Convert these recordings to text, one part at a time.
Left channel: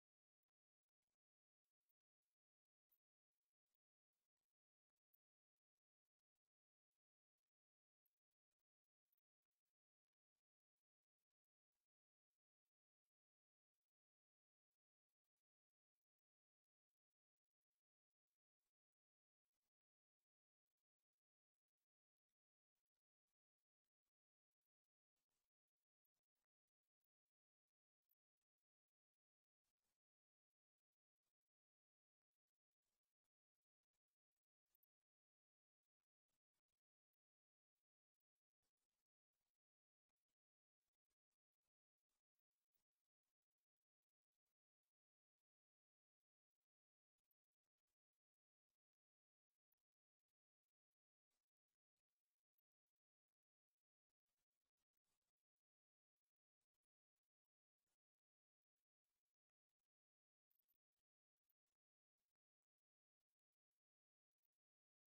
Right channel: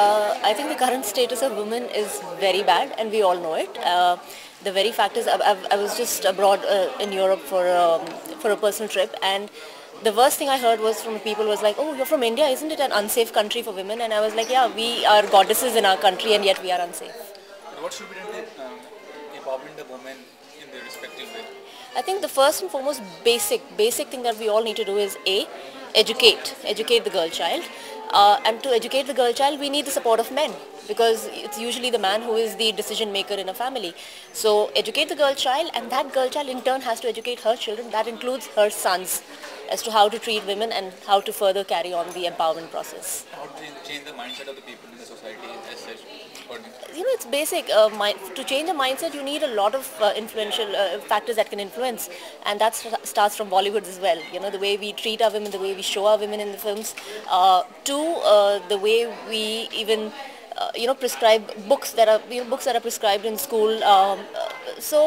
I think the current status of women is very bad, and we all know it. The very fact is, I was just abroad in Europe for a personal trip, and the worst thing I heard was from people was like, "Oh, you're from India, isn't it an unsafe country for women?" And I was like, "Yeah, we are goddesses in our country, and yet we are unsafe." But what should be done to empowering the women in their respective way? I think the first and foremost basic thing that we all need to do is educate the girl child, and to educate the girl child, we need the support of men because it's usually the man who is the decision maker in a family. So educate the girl child, and that girl child in turn has to educate her children. That includes her sons, as to how to treat women and how to further carry on the empowerment process. How do you change the mindset of the people in the society as such? It's basic. To change a mindset, you need a lot of influential factors that can influence, and that starts from Bollywood as well. The way we treat our women, the way we show our women in the films, to the way we even prescribe books that are prescribed in school. So.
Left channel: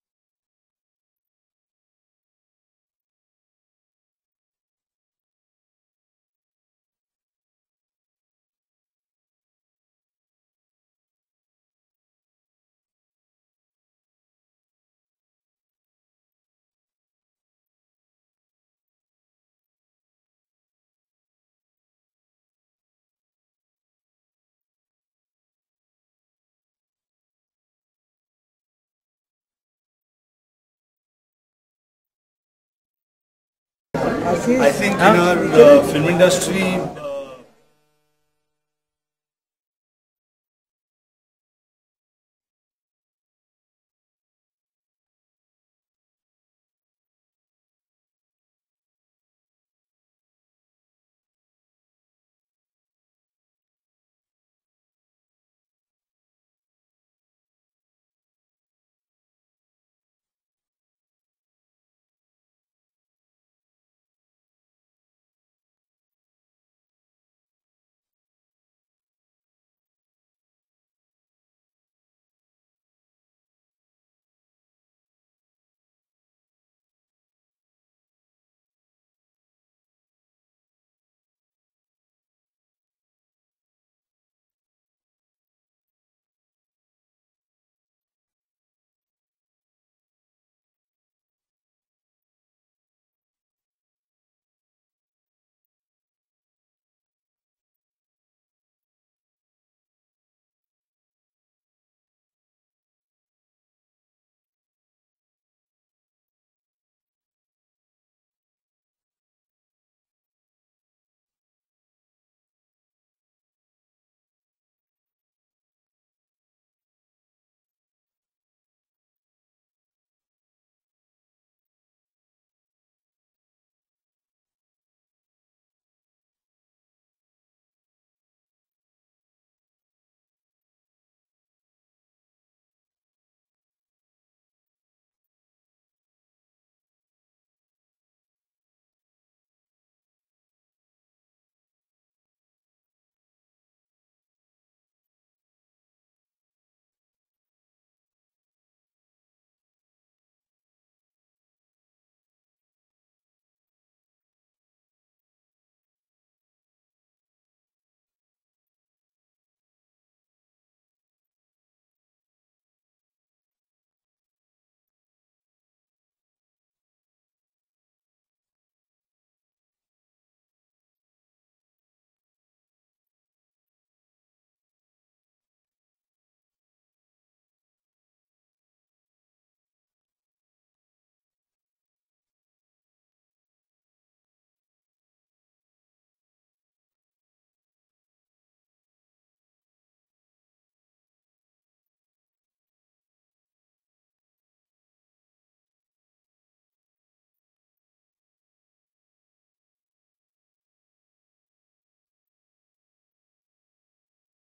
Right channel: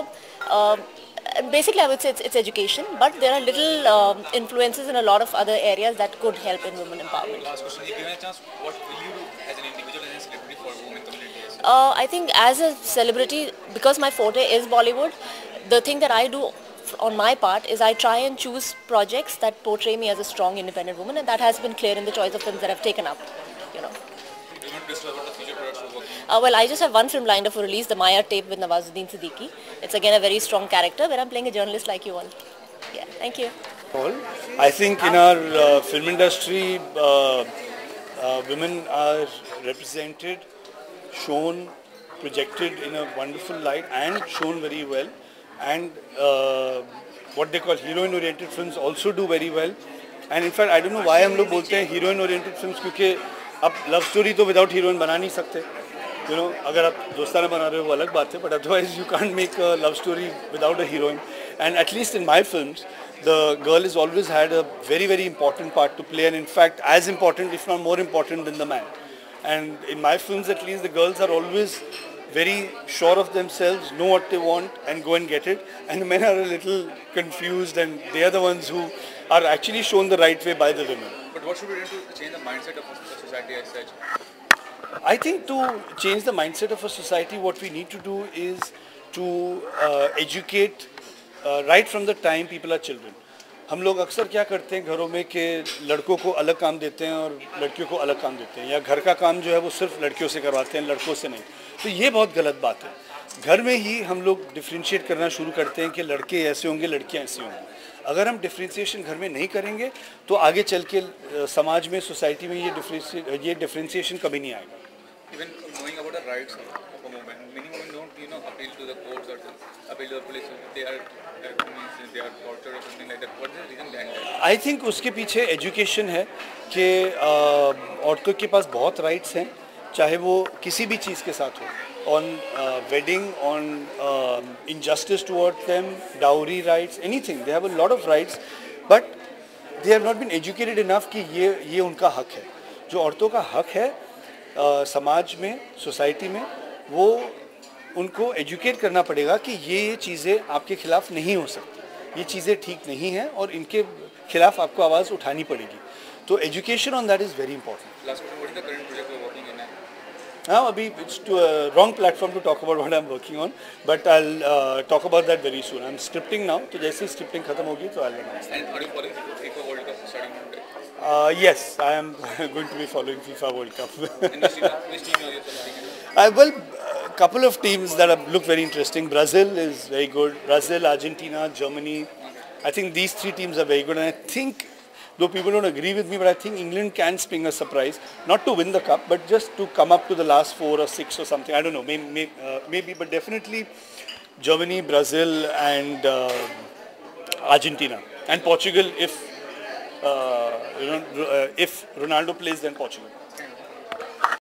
Basically, I would say it's education, but there are little influences in a lot of other areas that could help in women empowerment. Last question, if given a chance, what will you do as an individual and a celebrity for women community? I think as a celebrity, because my forte is Bollywood, the thing that I do on my part is I try and choose projects that portray me as a strong, independent woman, and that has been clear in the choice of films that I've taken up. You know. Do you want to discuss about the future products you're working Well, I just have one film lined up for release, The Maya Tape with Nawazuddin Siddiqui. It's again a very strong character where I'm playing a journalist like you all. Yeah, thank you. I think in our film industry, women are represented, shown, projected in a wonderful light and shown very well. And what they call heroine-oriented films also do very well. And in fact, I don't know why हम लोग बोलते हैं heroine-oriented films क्योंकि अब love story तो without heroine बना नहीं सकते. अगर आप दोस्ताना बना रहे हो वो अलग बात है, but otherwise you can't make a love story without a heroine. And at least in my films, the girl has always had a very, very important part to play, and in fact as important, if not more important than the man. And in my films at least, the girls are always very sure of themselves, know what they want and go and get it. And the men are a little confused, and they are the ones who are actually shown the right way by the women. But what should we do to change the mindset of the society as such? I think to change the mindset of a society, what we need to do is to educate right from the time people are children. हम लोग अक्सर क्या करते हैं घरों में कि लड़कों को अलग काम देते हैं और लड़कियों को अलग काम देते हैं, या घर का काम जो है वो सिर्फ लड़कियों से करवाते हैं, लड़कों से नहीं. तो ये बहुत गलत बात है. घर में ही हम लोग डिफ्रेंशिएट करना शुरू करते हैं कि लड़के ऐसे होंगे, लड़कियां ऐसी होंगी. अगर हम डिफ्रेंशिएशन घर में नहीं करेंगे तो आगे चल के समाज में, सोसाइटी में ये डिफ्रेंशिएशन कभी नहीं आएगा. Even knowing about the rights of a woman, many women don't, appeal to the courts or appeal to the police. They are tortured or something like that. What is the reason behind that? I think उसके पीछे education है कि औरतों के पास बहुत rights हैं, चाहे वो किसी भी चीज़ के साथ हो, on wedding, on injustice towards them, dowry rights, anything. They have a lot of rights, but they have not been educated enough कि ये उनका हक है. जो औरतों का हक है समाज में, सोसाइटी में, वो उनको एजुकेट करना पड़ेगा कि ये चीज़ें आपके खिलाफ नहीं हो सकती, ये चीज़ें ठीक नहीं हैं और इनके खिलाफ आपको आवाज़ उठानी पड़ेगी. तो education on that is very important. Last question, what is the current project you're working in? हाँ, अभी it's to a wrong platform to talk about what I'm working on, but I'll talk about that very soon. I'm scripting now, तो जैसे ही scripting खत्म होगी तो I'll announce. And are you following FIFA World Cup starting Monday? Yes, I am going to be following FIFA World Cup. And which team are you supporting? Well, a couple of teams that look very interesting. Brazil is very good. Brazil, Argentina, Germany. I think these three teams are very good. And I think, though people don't agree with me, but I think England can spring a surprise. Not to win the cup, but just to come up to the last 4 or 6 or something. I don't know, maybe, but definitely Germany, Brazil and Argentina. And Portugal, if Ronaldo plays, then Portugal.